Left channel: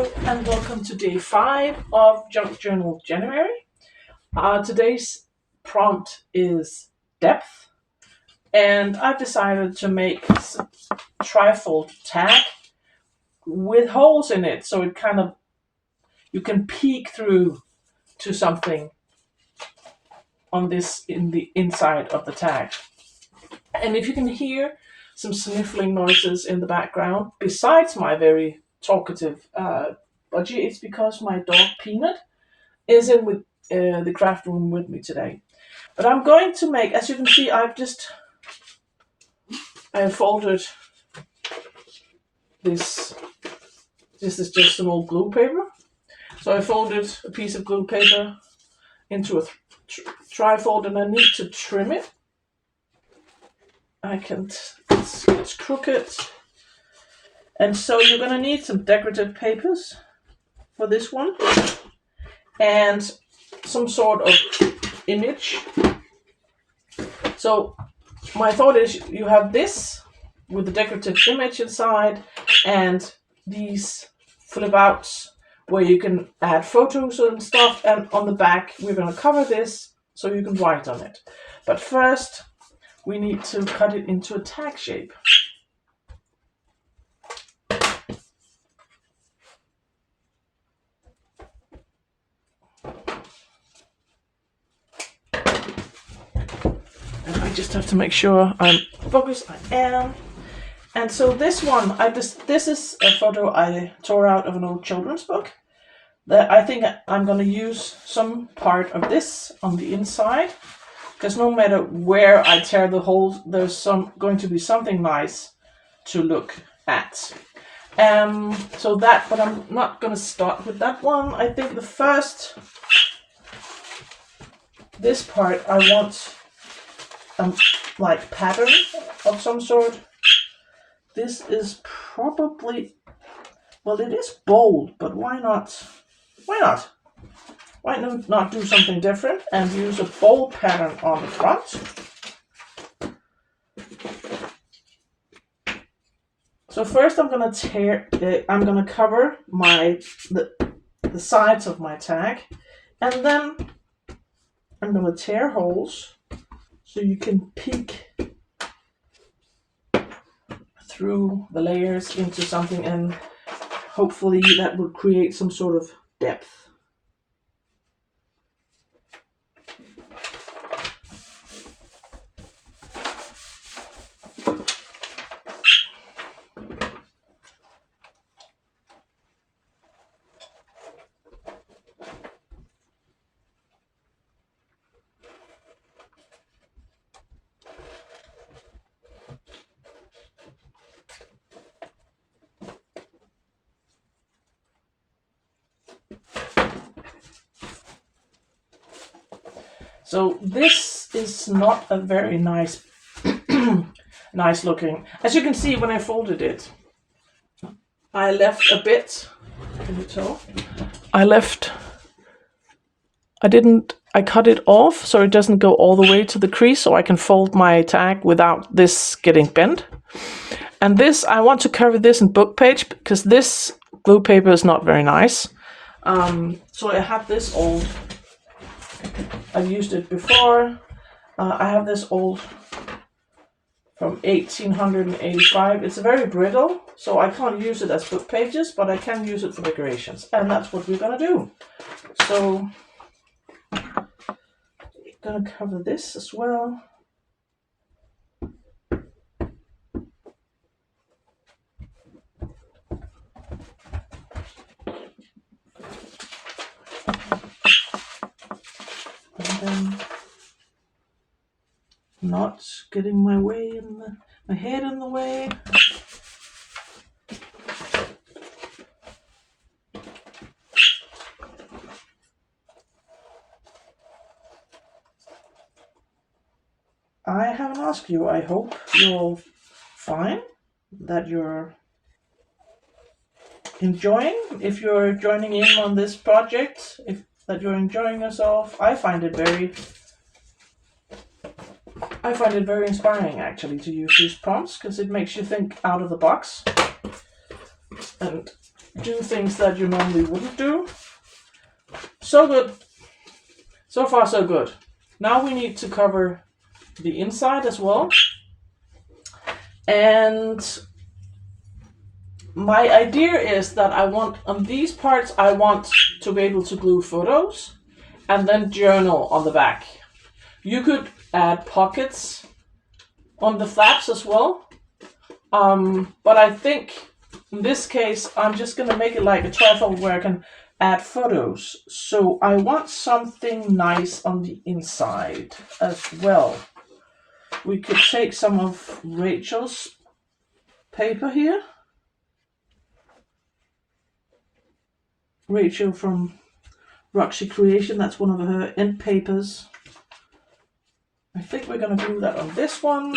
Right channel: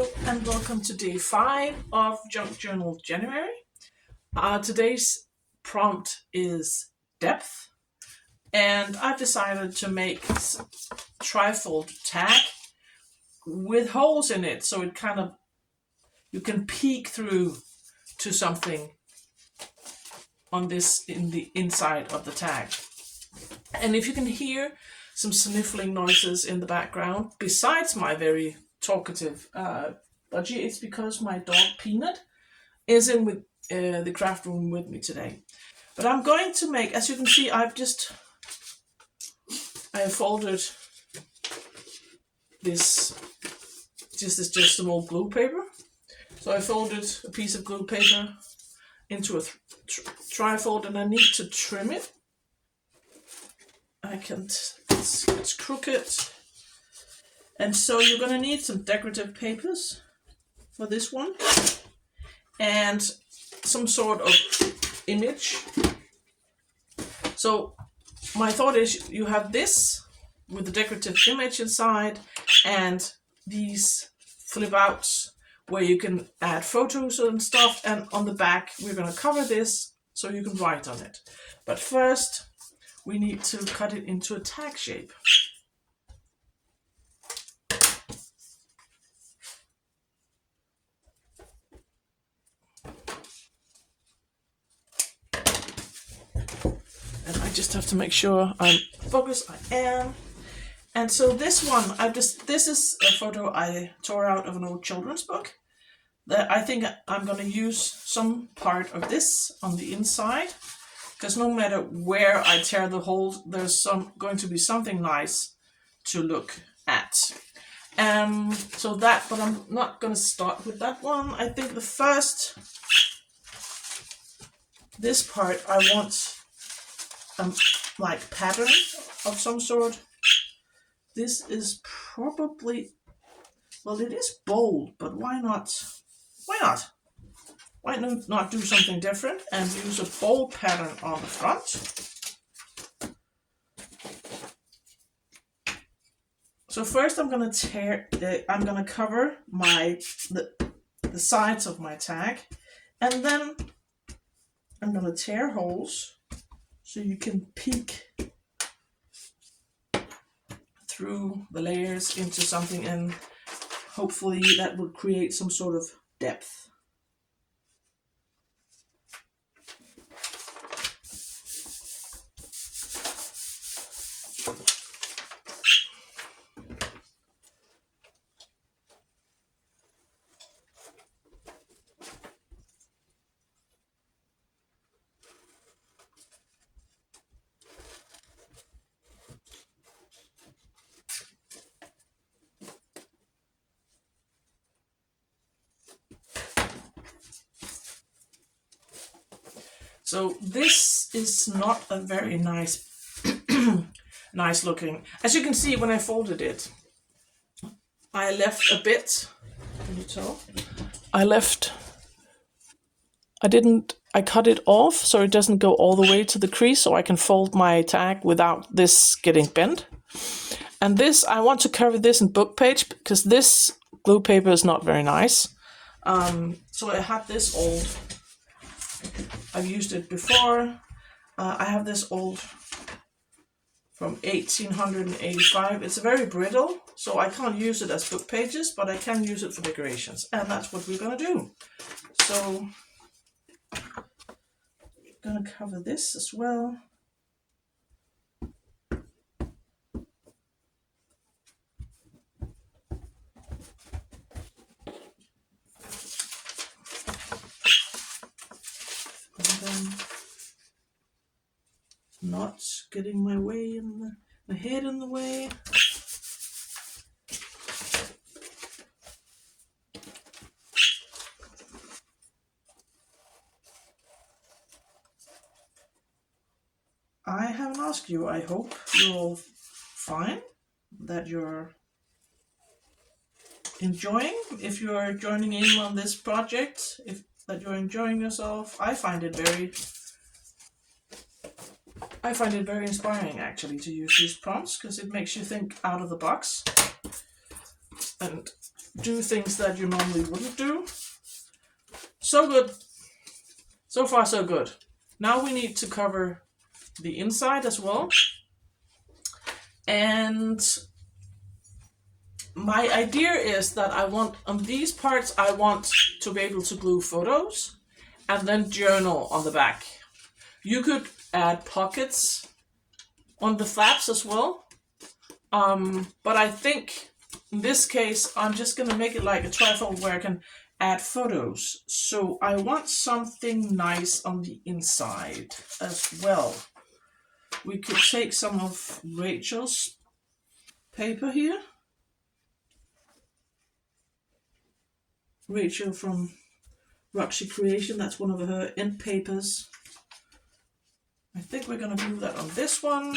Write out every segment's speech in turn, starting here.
Hello and welcome to day 5 of Junk Journal January. Today's prompt is depth, and I've decided to make a trifold tag with holes in it, so it you can peek through to something on this in the inside of the tag. And if you can hear some sniffling noises in the background, besides my very talkative budgie, it's because my dog Peanut is in with the craft room with me today. But I'm going to make, as you can see, I have folded this. This is just some old glue paper. So I folded a piece of glue paper into a trifold, and I need to trim it. It's crooked. And so you're going to need some decorative papers for this one, and some sort of image. So my thought is you have this with the decorative image inside, and these flip outs where you can add photos and stuff, and on the back we're going to cover this so you can write on it. But first we need to cut it into a tag shape. And I just have to make sure I'm focused. I am. And so this one, this is a photo I tore out of an old children's book. That I think I'm going to use some part of this on the inside, because no matter where I tear the hole, there's going to be something nice to look at. So that, but I'm not going to start with that one. I think this part I want like pattern of some sort. This is probably, well, it is bold, but why not? Why not do something different and use a bold pattern on the front? So first I'm gonna cover the sides of my tag, and then I'm gonna tear holes so you can peek through the layers into something, and hopefully that will create some sort of depth. So this is not a very nice looking. As you can see, when I folded it, I left a bit. Can you tell? I cut it off so it doesn't go all the way to the crease, so I can fold my tag without this getting bent. And this, I want to cover this in book page because this glue paper is not very nice. So I have this old, I've used it before. I have this old from 1885. It's very brittle, so I can't use it as book pages, but I can use it for decorations, and that's what we're gonna do. So I'm gonna cover this as well. And then not getting my head in the way. I haven't asked you. I hope you're fine, that you're enjoying. If you're joining in on this project, that you're enjoying yourself. I find it very inspiring, actually, to use these prompts, because it makes you think out of the box. And do things that you normally wouldn't do. So good. So far, so good. Now we need to cover the inside as well. And my idea is that I want, on these parts, I want to be able to glue photos and then journal on the back. You could add pockets on the flaps as well. But I think in this case, I'm just gonna make it like a trifold where I can add photos. So I want something nice on the inside as well. We could take some of Rachel's paper here. Rachel from Roxy Creation, that's one of her end papers. I think we're gonna glue that on this one.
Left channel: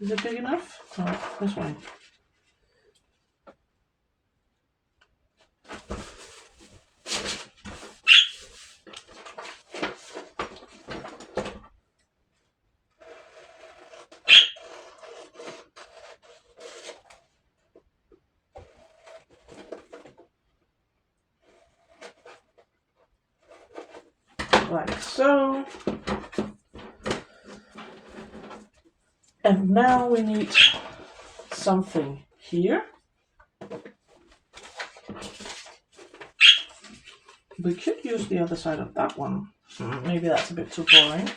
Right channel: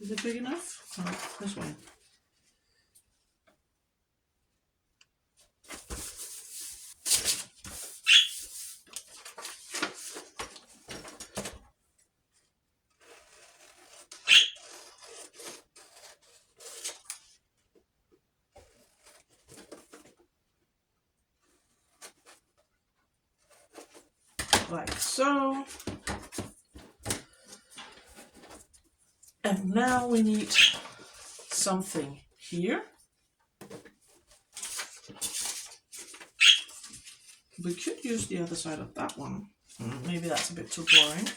Is it big enough? Oh, this one. Like so. And now we need something here. We could use the other side of that one. Maybe that's a bit too boring.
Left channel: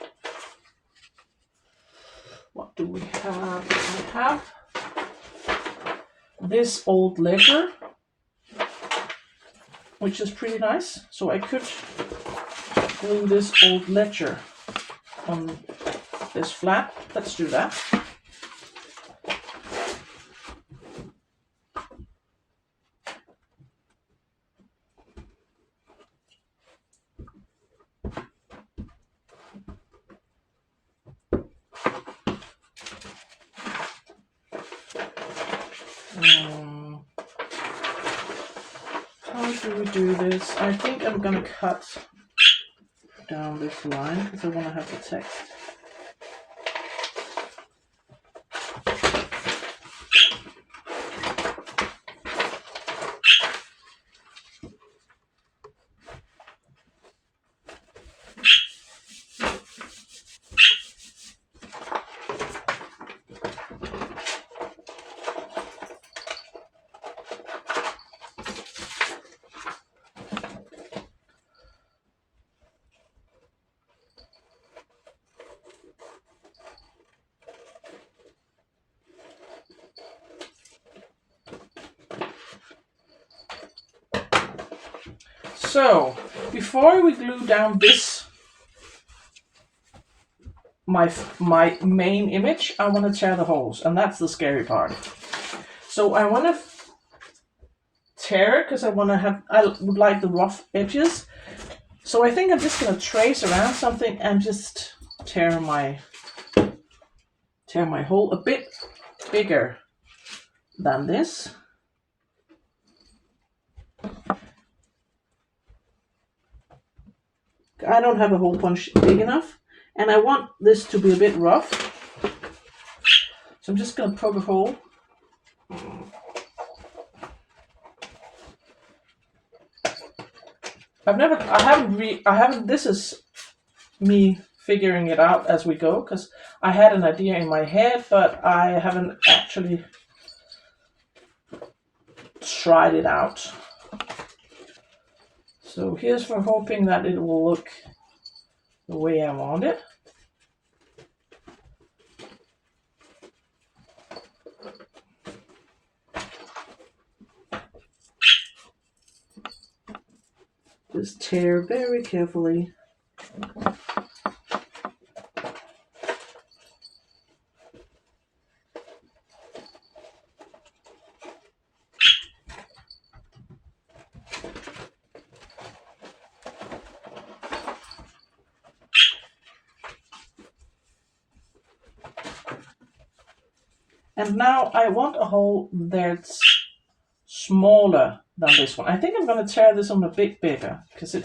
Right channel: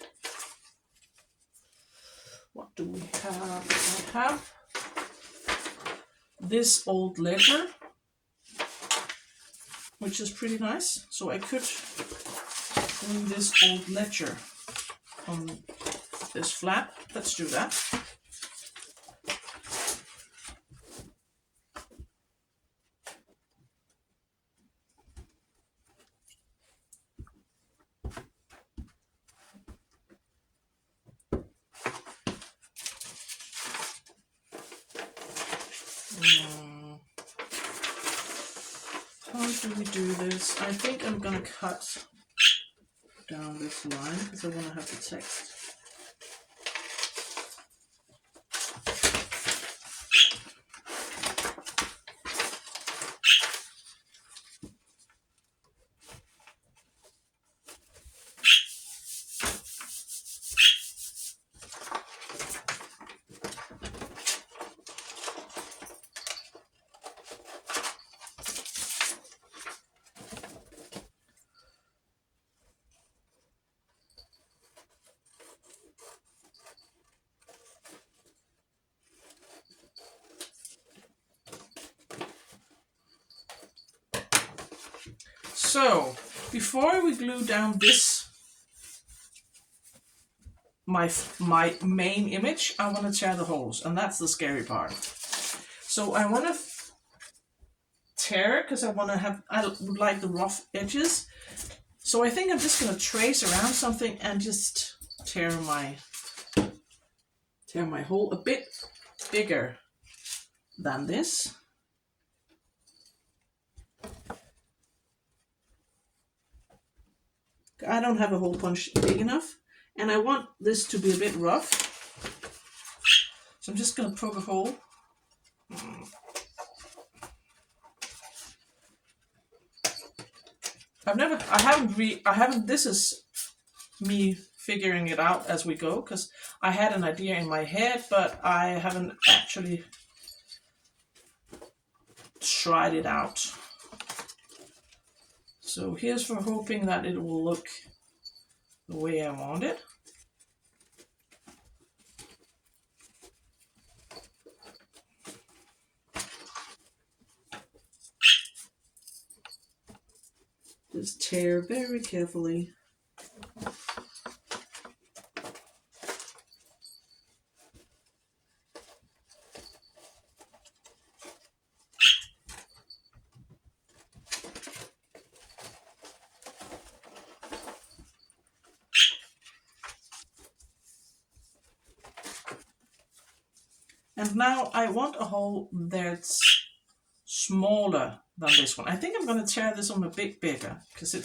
What do we have? We have this old ledger, which is pretty nice. So I could glue this old ledger on this flap. Let's do that. How do we do this? I think I'm gonna cut down this line because I want to have the text. So, before we glue down this, my main image, I want to tear the holes, and that's the scary part. So I want to tear it because I would like the rough edges. So I think I'm just going to trace around something and just tear my hole a bit bigger than this. I don't have a hole punch big enough, and I want this to be a bit rough. So I'm just going to poke a hole. This is me figuring it out as we go, because I had an idea in my head, but I haven't actually tried it out. So here's for hoping that it will look the way I want it. Just tear very carefully. And now I want a hole that's smaller than this one. I think I'm going to tear this one a bit bigger because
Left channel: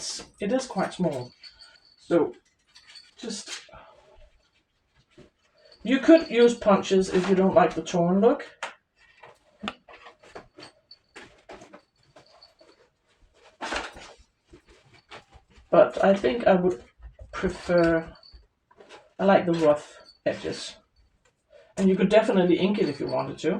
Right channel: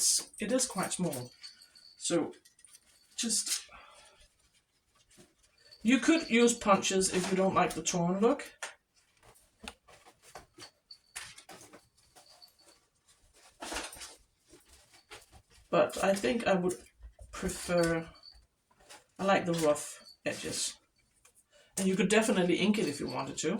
it is quite small. So just, you could use punches if you don't like the torn look. But I think I would prefer, I like the rough edges. And you could definitely ink it if you wanted to.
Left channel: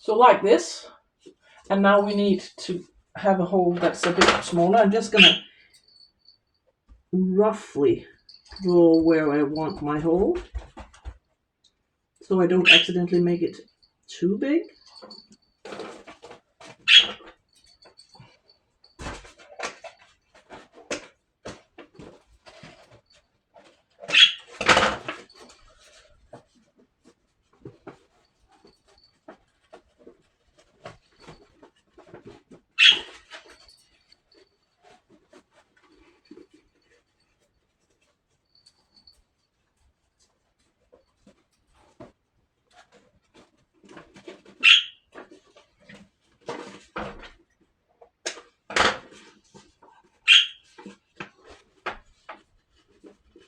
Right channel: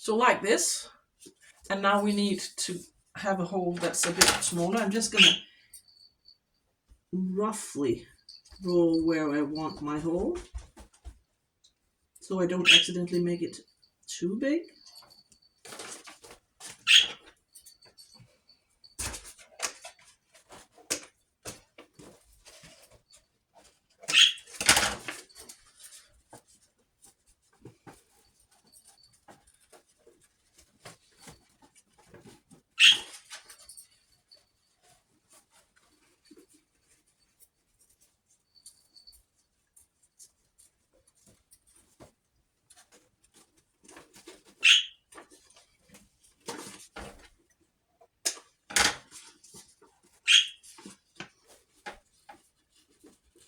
So like this. And now we need to have a hole that's a bit smaller. I'm just gonna roughly draw where I want my hole, so I don't accidentally make it too big.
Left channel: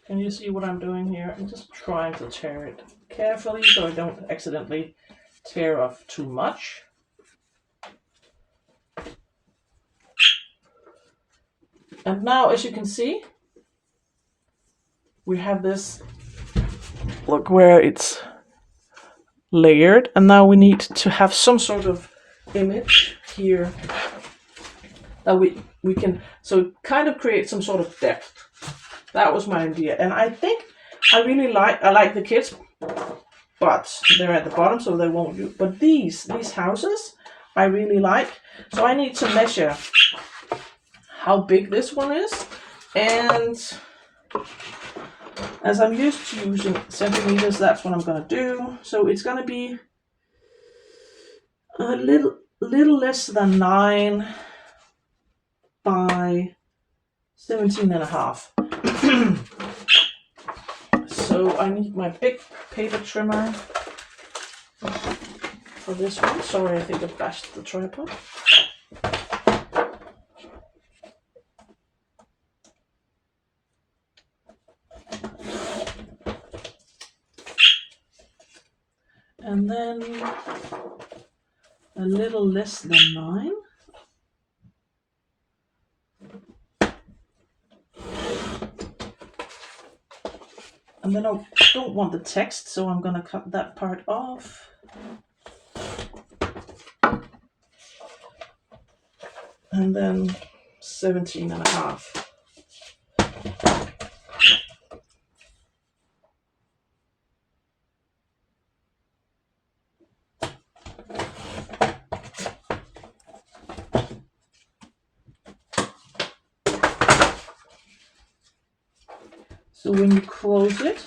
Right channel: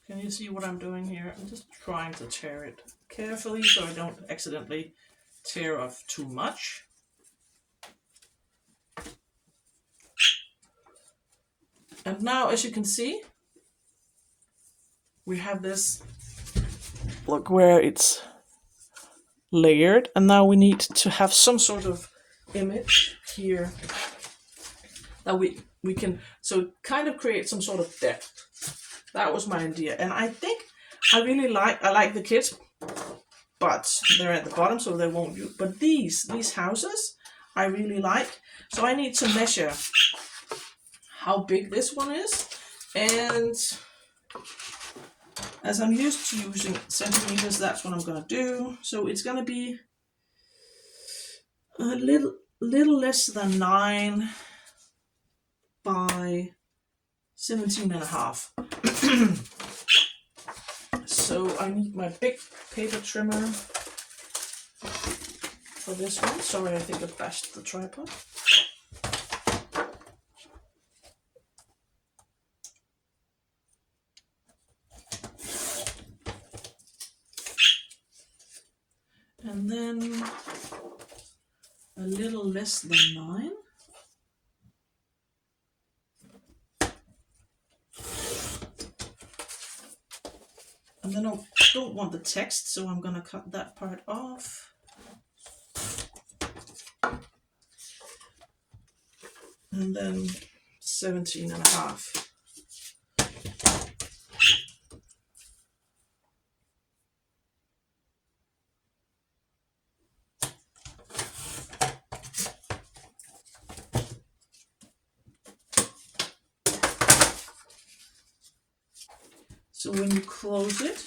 Can you see what I'm doing here? I'm just trying to tear it carefully so I don't accidentally tear off too much. And now, as you can see, we have this, look where it's layered, and now we need to have some sort of image here that we can, so kind of create some sort of depth. That was my idea, and I think I like the kids, but they're at the bottom, so they won't use. But these houses I really like, so I need to measure how big this one is, and as I'm used to using centimeters, that's what I'm gonna do. So it's gonna be a little less than 9 by 17.5. So I need my big paper trimmer for this one. Sorry, I think I bashed the tripod. And then a little less than 9. And then I don't want the text, so I'm gonna cut that part off. And then 17.5. So when you close it,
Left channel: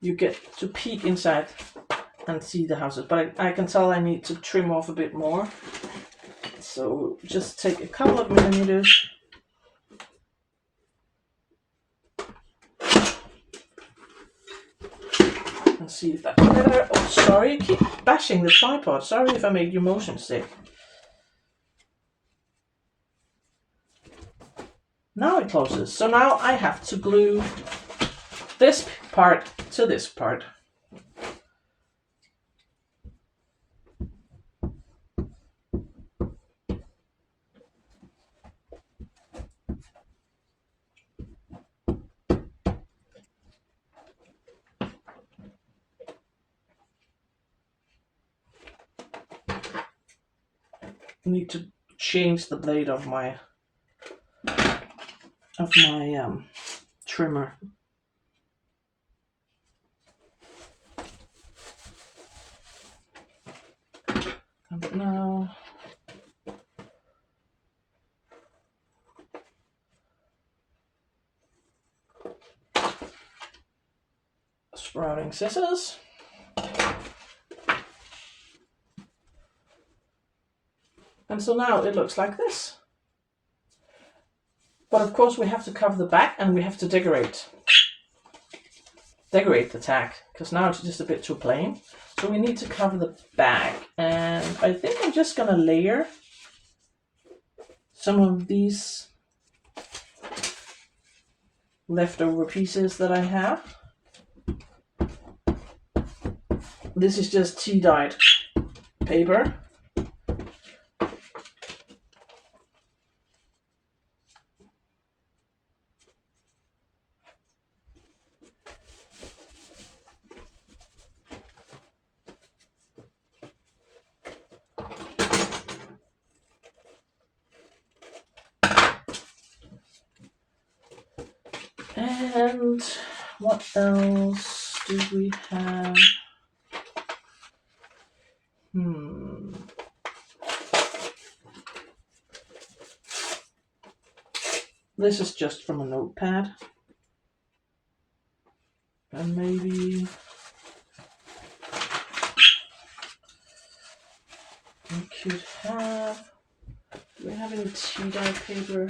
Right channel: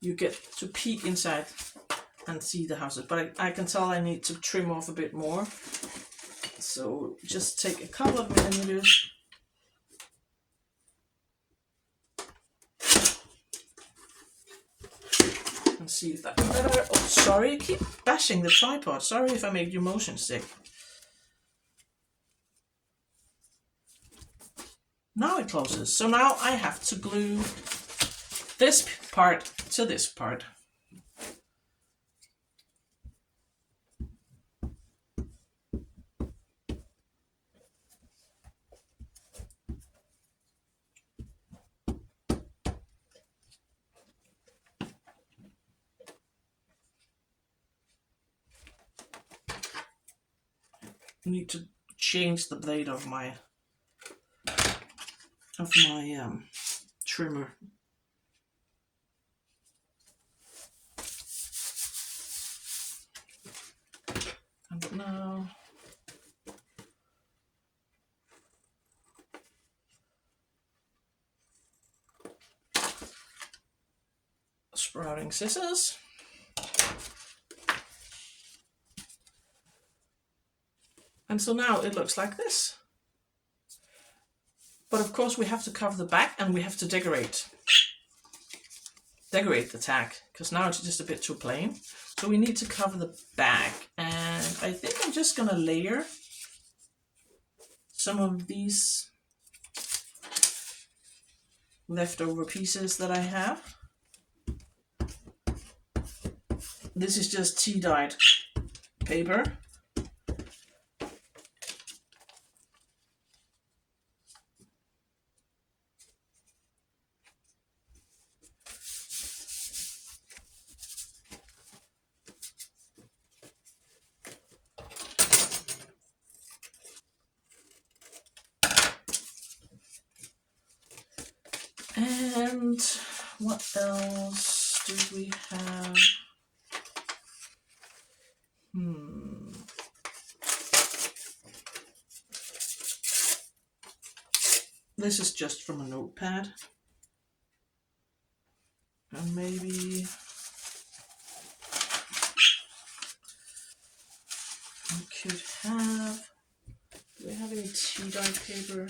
you get to peek inside and see the houses. But I can tell I need to trim off a bit more. So just take a couple of millimeters. And see if that's better. Oh, sorry, I keep bashing the tripod. Sorry if I made you motion sick. Now it closes. So now I have to glue this part to this part. I need to change the blade of my trimmer. And now using scissors. And so now it looks like this. But of course we have to cover the back and we have to decorate the tag, because now it's just a bit too plain. So we need to cover the back, and I think I'm just gonna layer some of these leftover pieces that I have. This is just tea-dyed paper. And what else do we have? This is just from a notepad. And maybe we could have, do we have any tea-dye paper?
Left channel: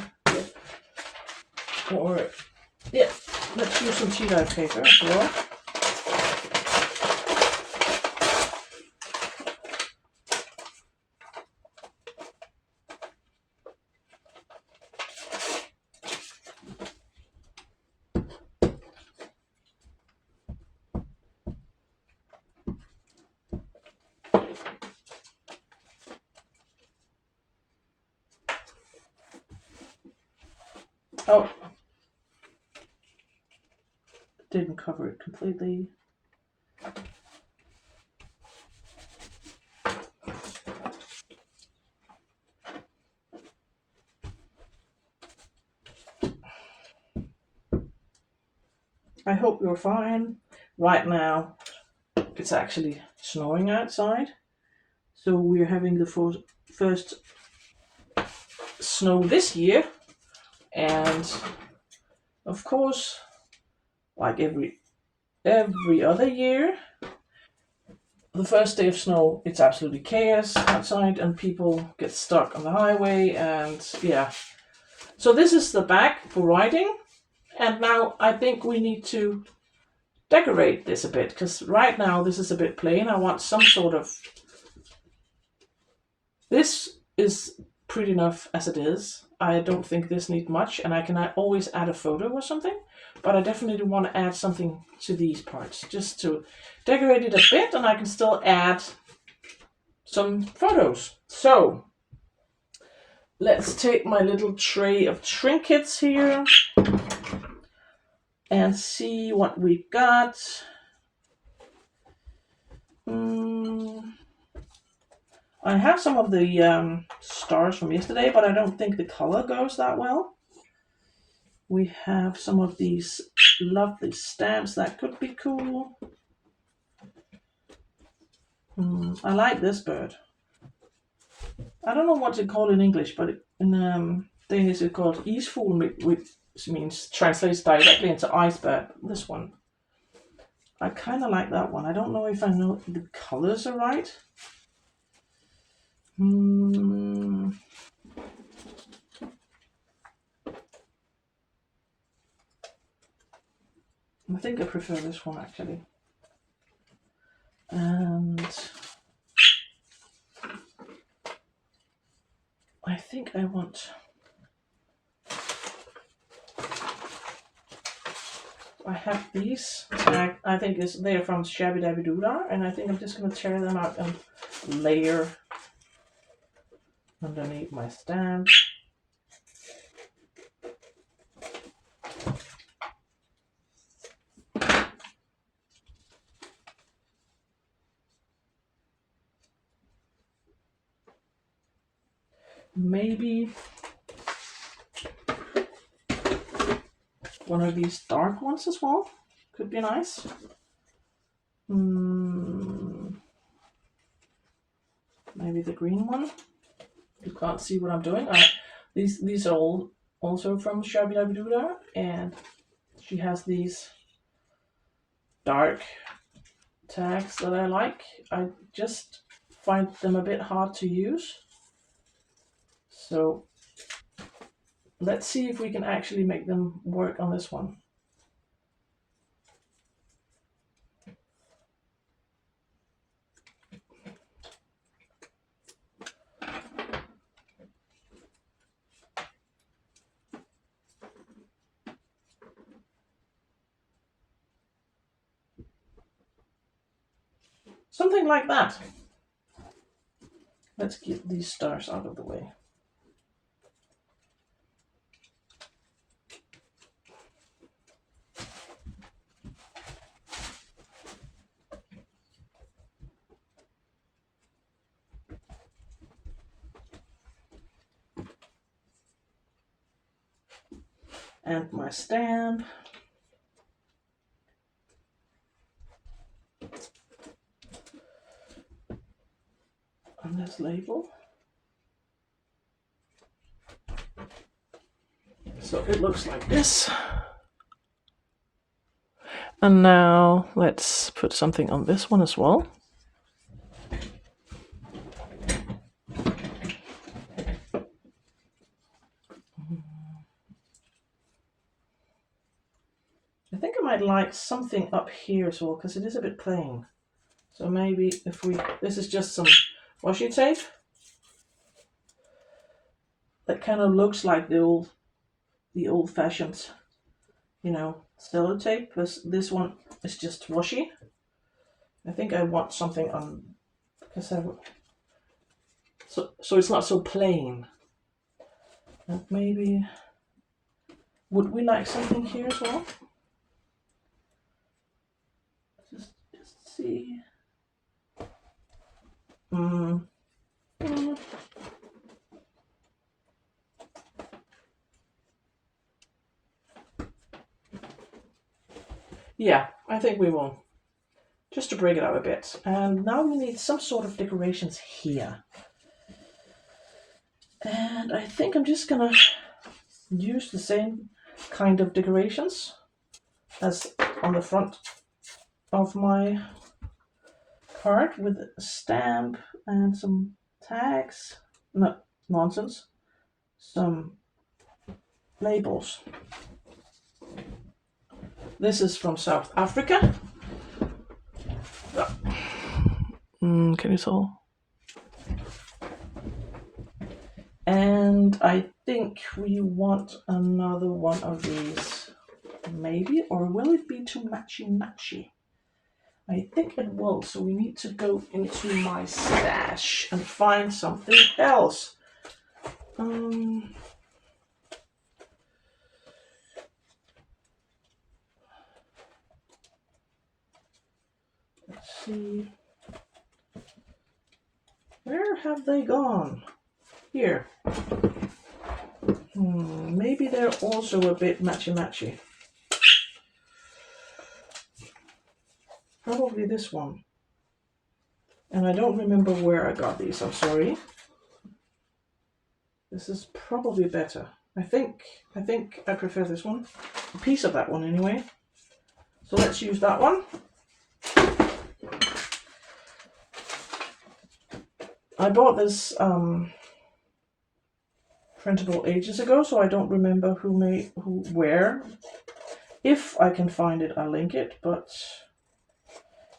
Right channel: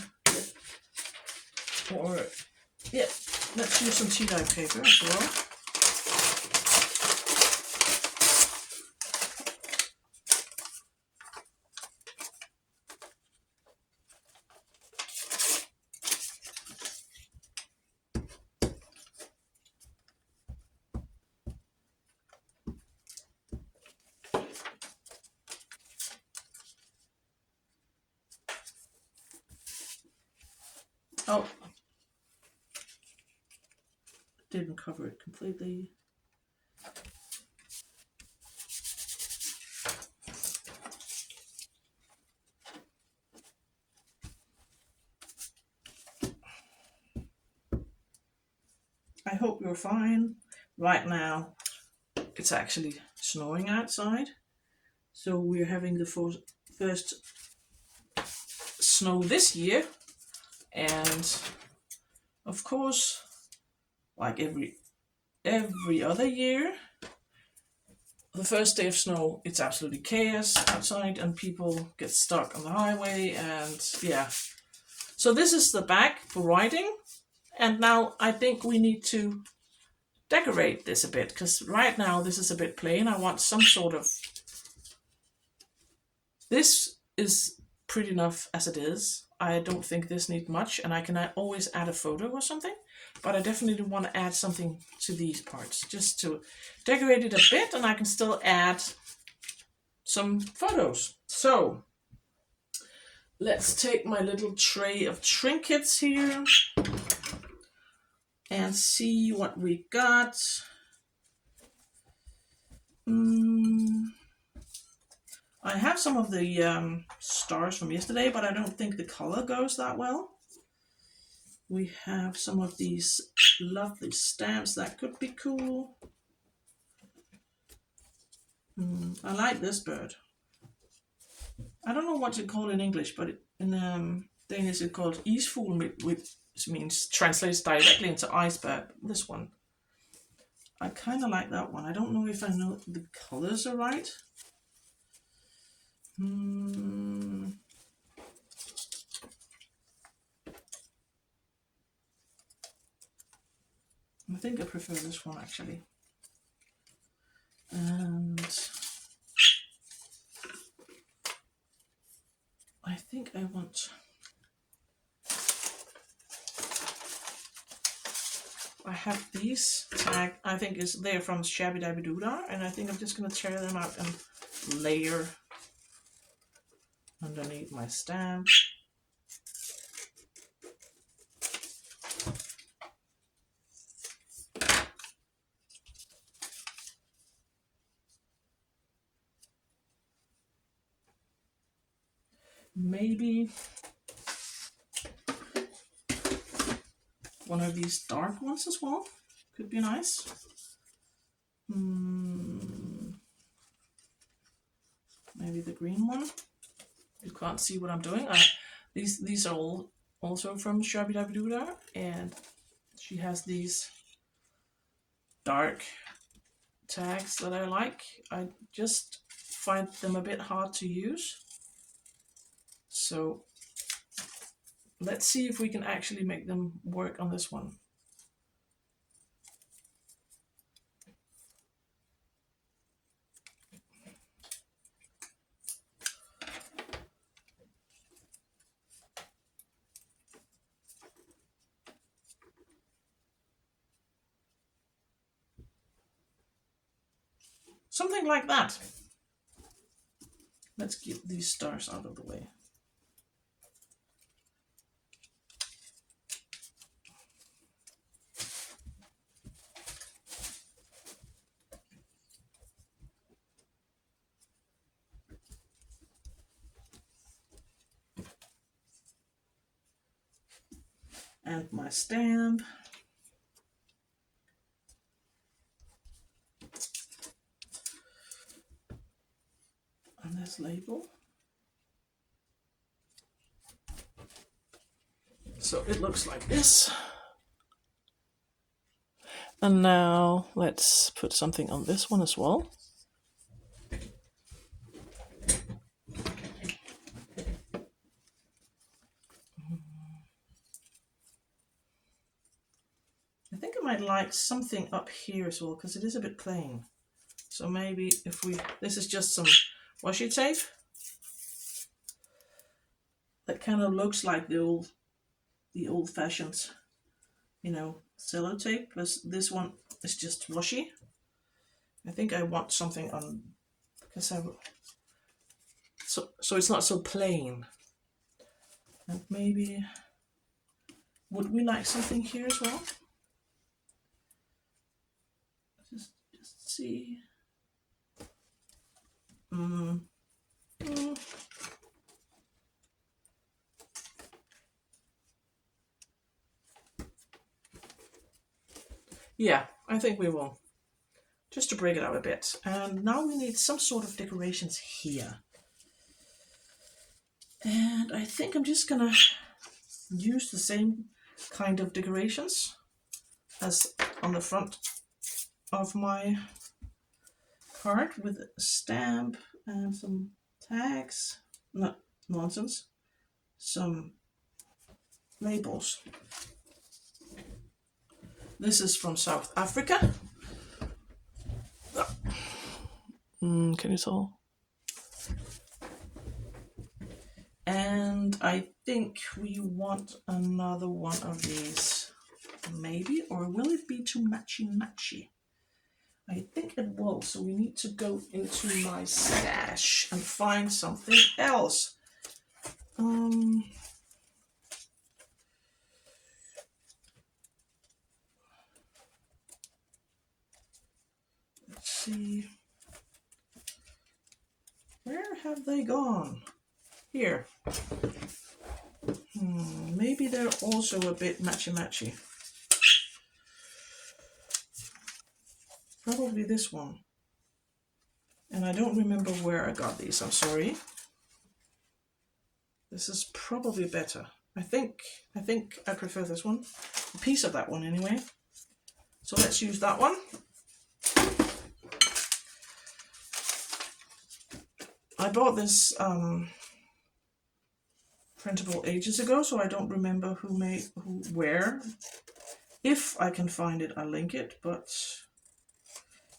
Or, yeah, let's use some tea-dye paper as well. Oh, didn't cover it completely. I hope you're fine. Right now, it's actually snowing outside. So we're having the first snow this year. And of course, like every other year, the first day of snow, it's absolutely chaos outside and people get stuck on the highway, and yeah. So this is the back for riding, and now I think we need to decorate this a bit, because right now this is a bit plain. I want some sort of, this is pretty enough as it is. I don't think this needs much, and I can always add a photo or something, but I definitely want to add something to these parts just to decorate it a bit, and I can still add some photos. So let's take my little tray of trinkets here and see what we got. I have some of the stars from yesterday, but I don't think the color goes that well. We have some of these lovely stamps that could be cool. I like this bird. I don't know what to call it in English, but in Danish it's called isfugl, which means translates directly into iceberg. This one, I kind of like that one. I don't know if I know the colors are right. I think I prefer this one actually. And I think I want, I have these tag, I think they're from Shabby Dabby Doodar, and I think I'm just going to tear them out and layer underneath my stamp. Maybe one of these dark ones as well could be nice. Maybe the green one. You can't see what I'm doing. These are all also from Shabby Dabby Doodar, and she has these dark tags that I like. I just find them a bit hard to use. So let's see if we can actually make them work on this one. Something like that. Let's get these stars out of the way. And my stamp. On this label. So it looks like this. And now let's put something on this one as well. I think I might like something up here as well, because it is a bit plain. So maybe if we, this is just some washi tape. That kind of looks like the old-fashioned, you know, sellotape. But this one is just washi. I think I want something on, because so it's not so plain. And maybe, would we like something here as well? Just see. Yeah, I think we will. Just to break it up a bit. And now we need some sort of decorations here. And I think I'm just gonna use the same kind of decorations as on the front of my card, with a stamp and some tags. No, nonsense. Some labels. This is from South Africa. Can you tell? And I think we want another one of these, maybe, or will it be too matchy? I think it will, so we need to go into my stash and find something else. Let's see. Where have they gone? Here. Maybe they're also a bit matchy. Probably this one. And I don't remember where I got these, I'm sorry. This is probably better. I think I prefer this one. A piece of that one anyway. So let's use that one. I bought this printable ages ago, so I don't remember where. If I can find it, I'll link it, but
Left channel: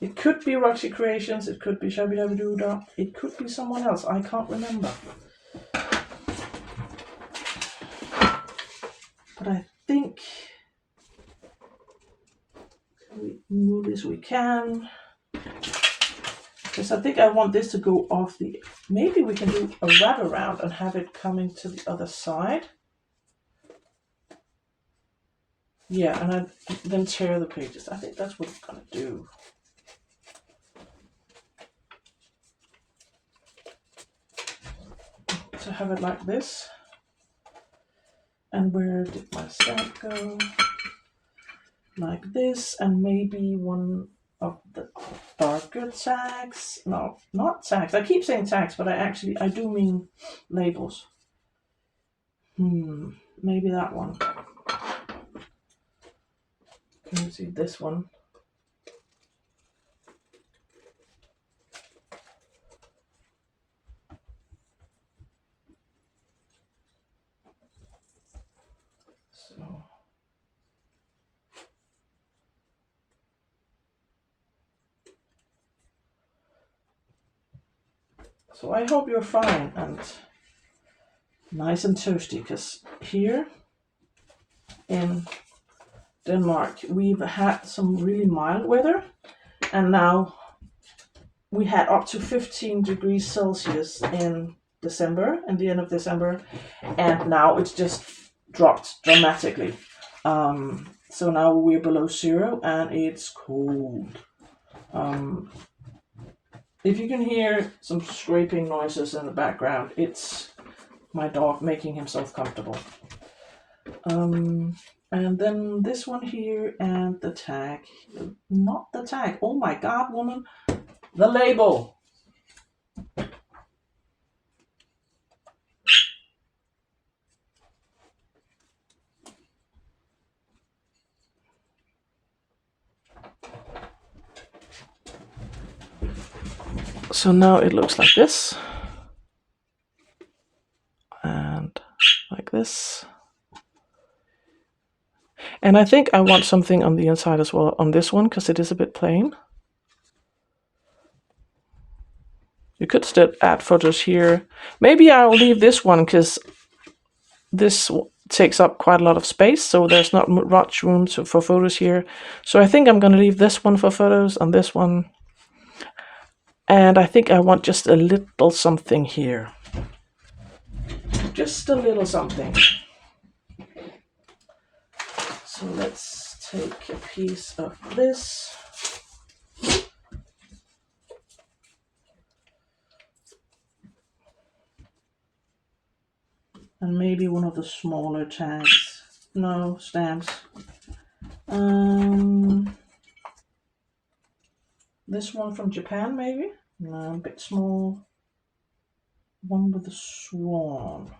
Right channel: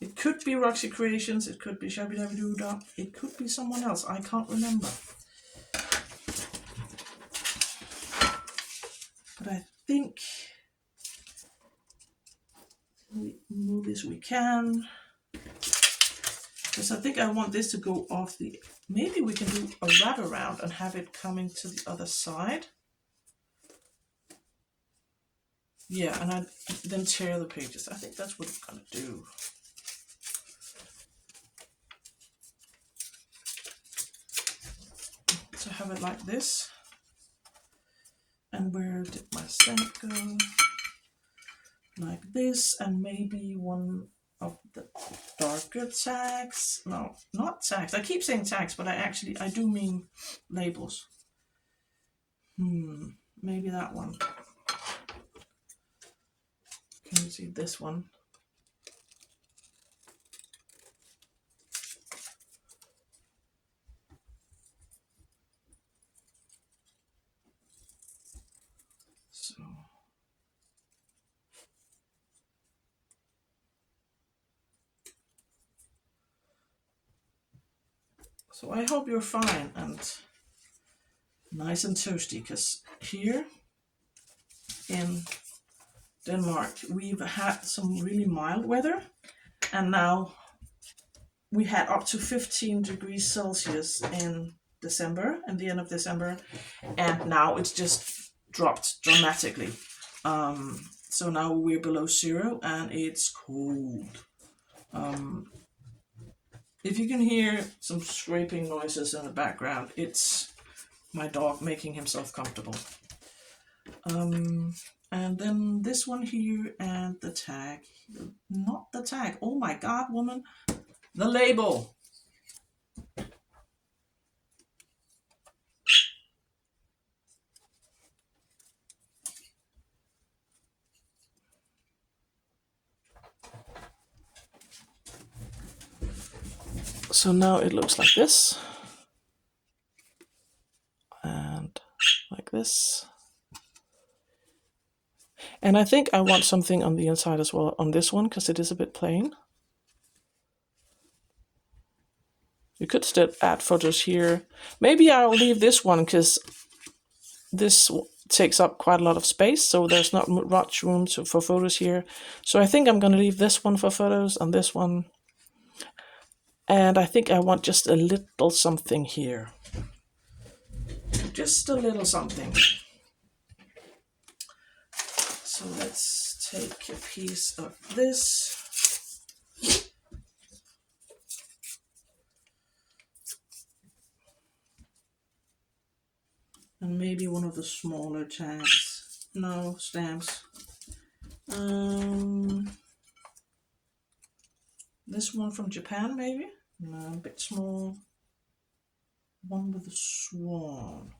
it could be Roxy Creations, it could be Shabby Dabby Doo, it could be someone else, I can't remember. But I think we move this we can. Because I think I want this to go off the, maybe we can do a wrap around and have it coming to the other side. Yeah, and I then tear the pages. I think that's what I'm gonna do. To have it like this. And where did my stamp go? Like this, and maybe one of the darker tags. No, not tags. I keep saying tags, but I do mean labels. Maybe that one. Can you see this one? So I hope you're fine and nice and toasty, because here in Denmark we've had some really mild weather, and now we had up to 15 degrees Celsius in December, and the end of December, and now it's just dropped dramatically. So now we're below zero and it's cold. If you can hear some scraping noises in the background, it's my dog making himself comfortable. And then this one here and the tag. Not the tag. Oh my God, woman. The label. So now it looks like this. And like this. And I think I want something on the inside as well on this one, because it is a bit plain. You could still add photos here. Maybe I'll leave this one because this takes up quite a lot of space, so there's not much room for photos here. So I think I'm going to leave this one for photos and this one. And I think I want just a little something here. Just a little something. So let's take a piece of this. And maybe one of the smaller tags. No, stamps. This one from Japan, maybe? No, a bit small. One with a swan.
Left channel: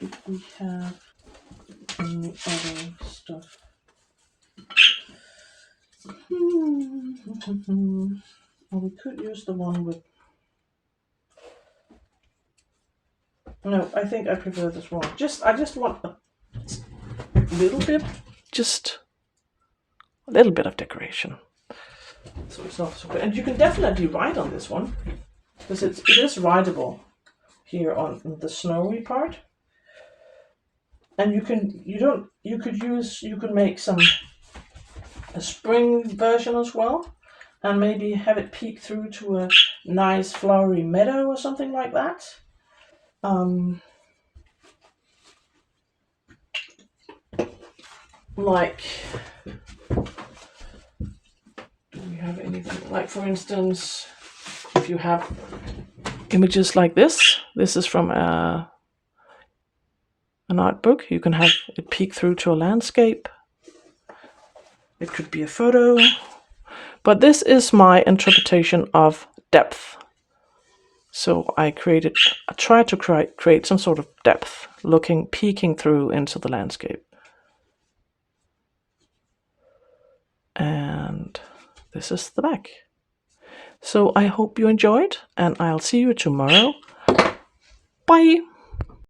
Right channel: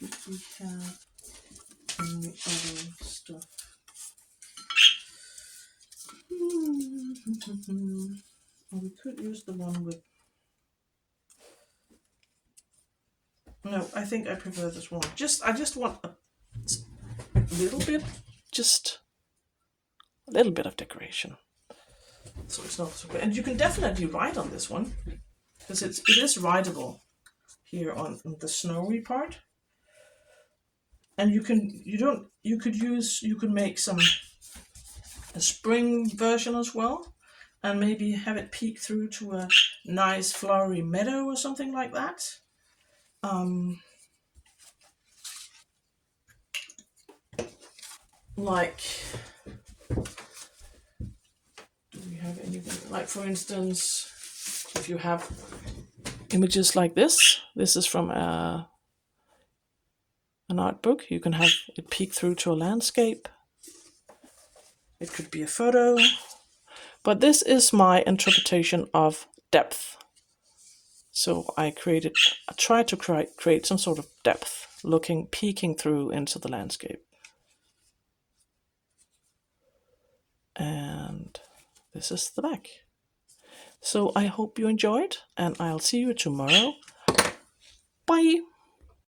If we have any other stuff. Well, we could use the one with... No, I think I prefer this one. I just want a little bit, just a little bit of decoration. So it's not so good. And you can definitely write on this one, because it is writable here on the snowy part. And you can make a spring version as well, and maybe have it peek through to a nice flowery meadow or something like that. Like, do we have anything? Like, for instance, if you have images like this is from an art book. You can have it peek through to a landscape. It could be a photo. But this is my interpretation of depth. So I tried to create some sort of depth, peeking through into the landscape. And this is the back. So I hope you enjoyed, and I'll see you tomorrow. Bye!